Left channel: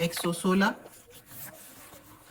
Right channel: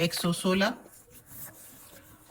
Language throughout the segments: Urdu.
116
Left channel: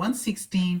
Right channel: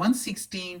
116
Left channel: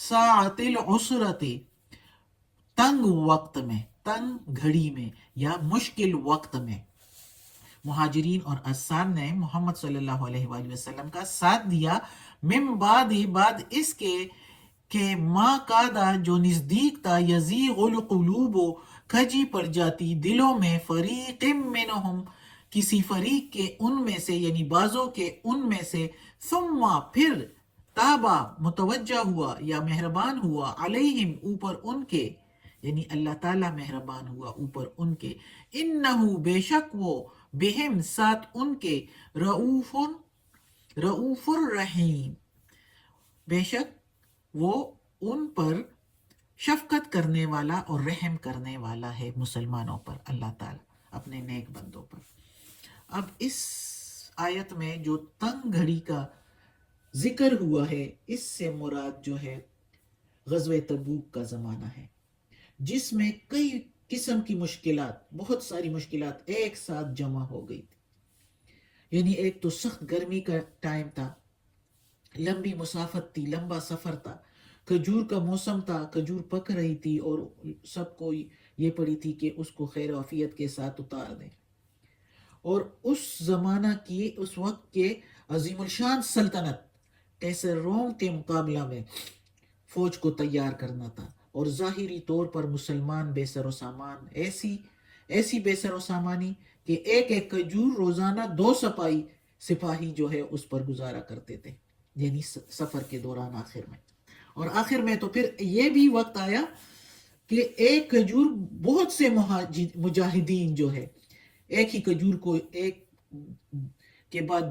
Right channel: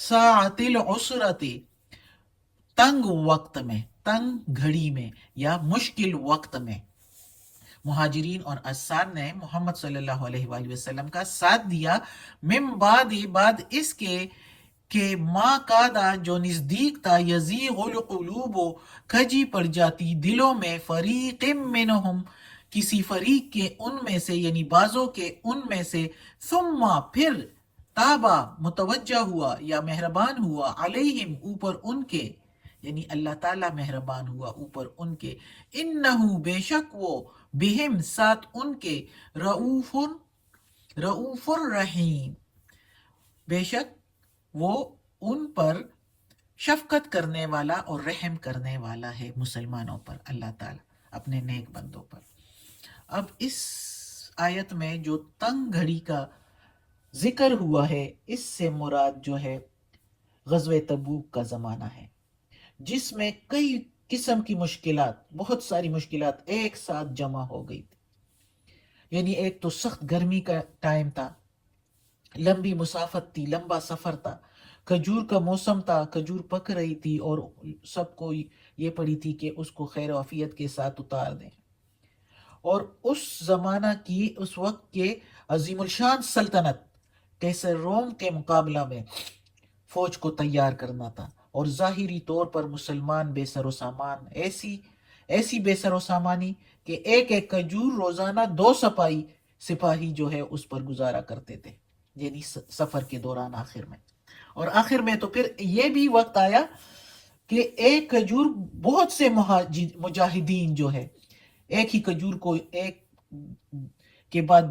ساعت العسرت، تنگ وقت میں، تنگ گھڑی میں یا مشکل وقت میں مہاجرین اور انصار نے محمد صلی اللہ علیہ وآلہ وسلم کا ساتھ دیا، من بعد اس کے کہ ما کادا جو نزدیک تھا، یزیغ القلوب کھجی پڑ جاتی دلوں میں، فریق منہم کسی فریق کے ان میں سے، یعنی بعضوں کے ان میں سے، ثم پھر تابا متوجہ ہوا یا مہربان ہوا، علیہم اوپر ان کے، یعنی اللہ تعالیٰ مہربان ہوا اوپر ان کے، انہو بے شک وہ، بہم ساتھ ان کے، رؤوف الرحیم، بے شک وہ ان پر شفقت کرنے والا اور رحم کرنے والا ہے، مسلمانوں پر اللہ تعالیٰ اپنے نیک بندوں پر۔ اب اس آیت میں جو تنگ گھڑی کا ذکر ہوا ہے، اس سے مراد جو ہے غزوہ تبوک کا زمانہ ہے، جس میں کئی قسم کی مشکلات، بہت ساری مشکلات ایک ساتھ جمع ہو گئی تھی۔ یعنی ایک تو سخت گرمی کا ٹائم تھا، لمبی مسافت تھی، لمبا سفر تھا، کھجور کا موسم تھا، کھجور پک رہی تھی اور سب کو یہ پڑی تھی کہ اس کو خیر و عافیت کے ساتھ اتار دیں، اور اس زمانہ کی، اس وقت کے عظیم الشان سلطنت کیسر روم کے مقابلہ میں فوج کو تیار کرنا تھا، اور ظاہری طور پر مسلمان بے سر و سامان، ایسی بے سر و سامانی کہ ایک ایک کھجور روزانہ 2 سپاہی جو ہے اس پر گزارا کرتے تھے، یعنی سفر کے دوران آخر میں۔ اور آخر میں تو پھر یہ بھی وقت آیا کہ ایک کھجور بہت سے مجاہدین جو ہے ایک ہی کھجور کو ایک کے بعد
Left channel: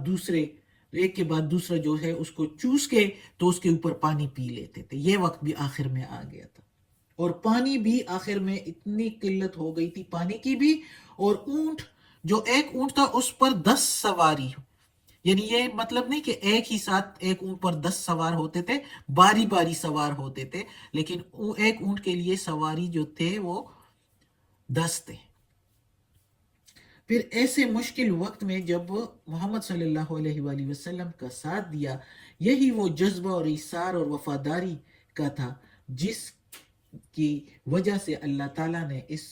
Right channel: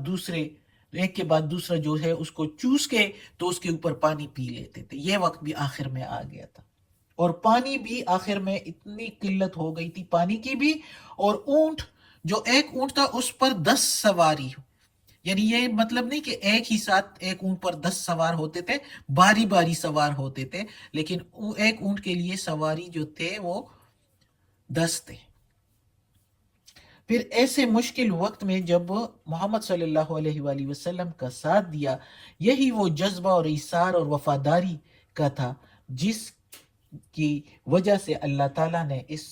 دوسرا جو ہے اس کو چوس کے تو اس کے اوپر پانی پی لیتے تھے۔ یہ وقت بھی آخر میں آ گیا تھا، اور پانی بھی آخر میں اتنی قلت ہو گئی تھی پانی کی بھی، اور اونٹ، جو ایک اونٹ تھا اس پر 10 سواری، یعنی یہ مطلب نہیں کہ ایک ہی ساتھ ایک اونٹ پر 10 سوار ہوتے تھے، باری باری سوار ہوتے تھے، لیکن ایک اونٹ کے لیے سواری جو تھے وہ 10 تھے۔ پھر ایسے مشکل وقت میں جب محمد صلی اللہ علیہ وآلہ وسلم کا ساتھ دیا، یہی وہ جذبہ اور ایثار اور وفاداری کا تھا جس کی وجہ سے اللہ تعالیٰ نے اس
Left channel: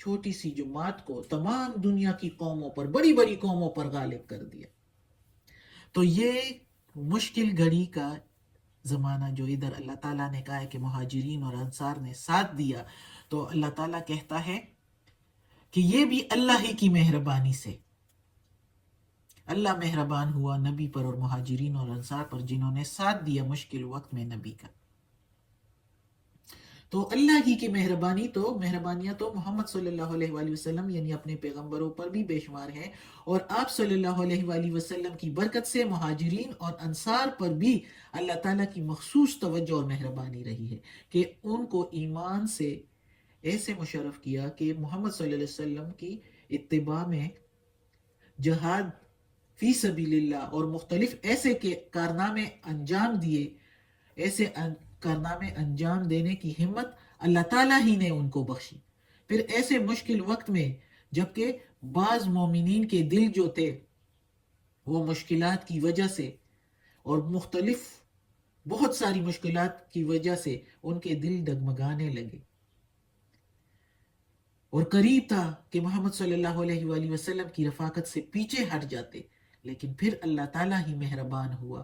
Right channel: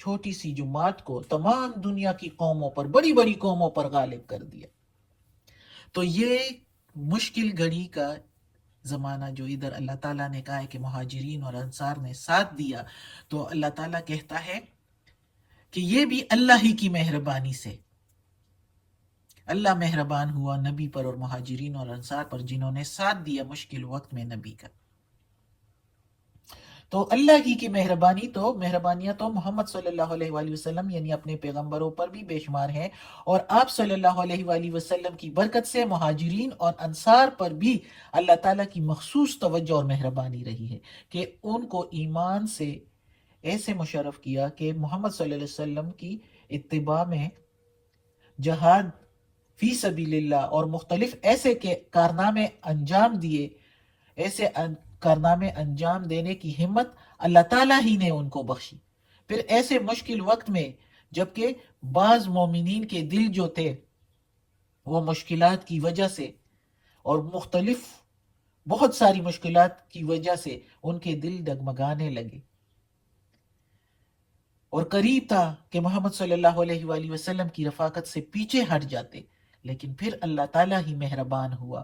چھوٹی سی جماعت کو تمام دنیا کی قوموں پر، بڑی بڑی قوموں پر غالب کر دیا۔ تو یہ مشکل گھڑی کا زمانہ جو ادھر اللہ تعالیٰ نے کہا ہے کہ مہاجرین اور انصار نے ساتھ دیا، تو اللہ تعالیٰ کہتا ہے کہ یہ بھی اللہ ہی کی مہربانی سے، اللہ مہربان ہوا نبی پر اور مہاجرین اور انصار پر جنہوں نے ساتھ دیا مشکل وقت میں نبی کا۔ تو اللہ ہی کی مہربانیاں تو محمد صلی اللہ علیہ وآلہ وسلم یعنی اپنے پیغمبروں پر بھی بے شمار ہیں، اور آپ صلی اللہ علیہ وآلہ وسلم کی برکت سے مہاجرین اور انصار پر بھی اللہ تعالیٰ کی مخصوص توجہ اور مہربانی رہی ہے کہ ان کو ایمان سے ایسے مشرف کیا کہ محمد صلی اللہ علیہ وسلم کی اتباع میں جہاد فی سبیل اللہ اور مختلف ایسے کارنامے انجام دیے، ایسے کارنامے انجام دینے کی ہمت اللہ تعالیٰ ہی نے ان کو بخشی۔ پھر ایسے مشکل وقت میں جبکہ بعض مومنین کے دل جو تھے وہ مشکلات کی وجہ سے اور مختلف بہت ساری مشکلات کی وجہ سے ان کے دل ڈگمگانے لگے، اور قریب تھا کہ محمد صلی اللہ علیہ وآلہ وسلم کی رفاقت سے پیچھے ہٹ جاتے، لیکن پھر اللہ تعالیٰ ہی مہربان ہوا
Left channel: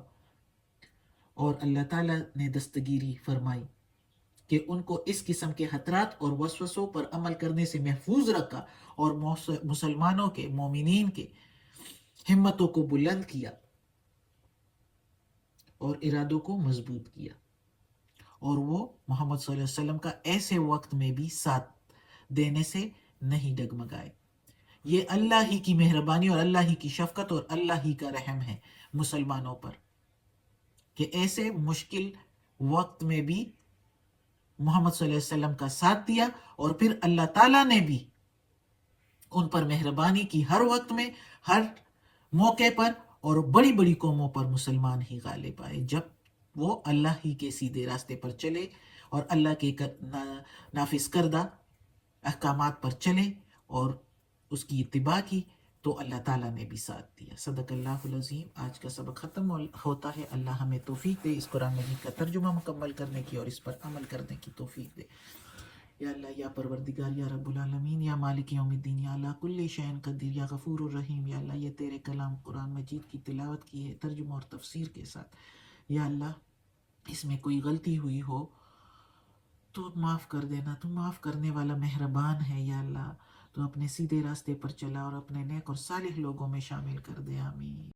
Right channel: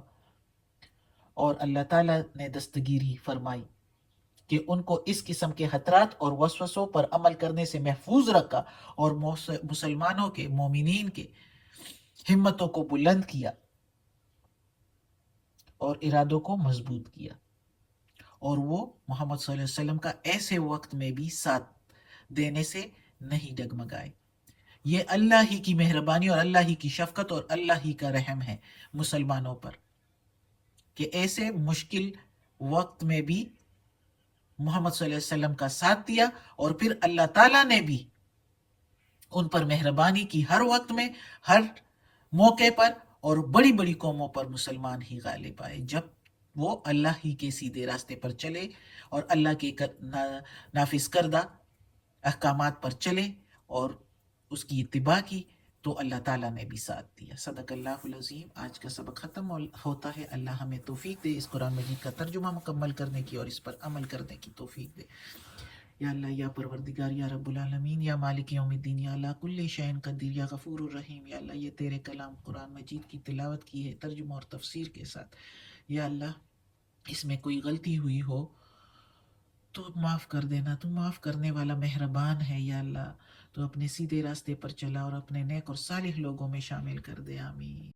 اور اللہ تعالیٰ نے دستگیری فرمائی کہ ان کو اس قسم کے خطرات اور وسوسوں پر عمل کرنے سے محفوظ رکھا، اور مسلمانوں کے، مومنین کے ہمتوں کو بلند کیا اور ارادوں کو مضبوط کیا، اور وہ محمد صلی اللہ علیہ وسلم کا ایسے وقت میں بھی ساتھ دینے سے نہیں ڈگمگائے۔ یہ اللہ ہی کی مہربانی اور اللہ ہی کی شفقت اور اللہ ہی کا رحم ہے مسلمانوں پر کہ ایسے مشکل وقت میں بھی محمد صلی اللہ علیہ وسلم کا ساتھ دیا، اور پھر اللہ تعالیٰ نے بھی ان پر مہربانی کی، ہر وقت میں، ہر موقع پر، اور بڑی بڑی قوموں پر مسلمان ہی غالب آئے جب وہ اللہ ہی کے سیدھے راستے پر چلے اور اللہ کے نافذ کردہ احکامات پر چلے اور اس کی اتباع کی، تو اللہ تعالیٰ نے بھی ساتھ دیا۔ صدق اللہ العظیم۔ آج کا سبق ختم ہوتا ہے۔ اللہ ہمیں توفیق دے اس قرآن مجید کا ترجمہ مکمل کرنے کی اور اس پر عمل کرنے کی توفیق دے۔ یا اللہ، یا پروردگار، یا رب العالمین، یا مالک یوم الدین، یا اللہ کل شیء قدیر، یا غفور الرحیم، یا اللہ یہ تیرے کلام قرآن مجید کی تلاوت کی ہے ترجمہ اور تفسیر کے ساتھ، یا اللہ اس میں کوئی غلطی ہوئی ہو تو معاف کر دینا، تو معاف کرنے والا مہربان ہے۔ یا اللہ تو اپنے سیدھے راستے پر چلا اور اپنے نیک اور صالح لوگوں میں شامل کر دے، آمین۔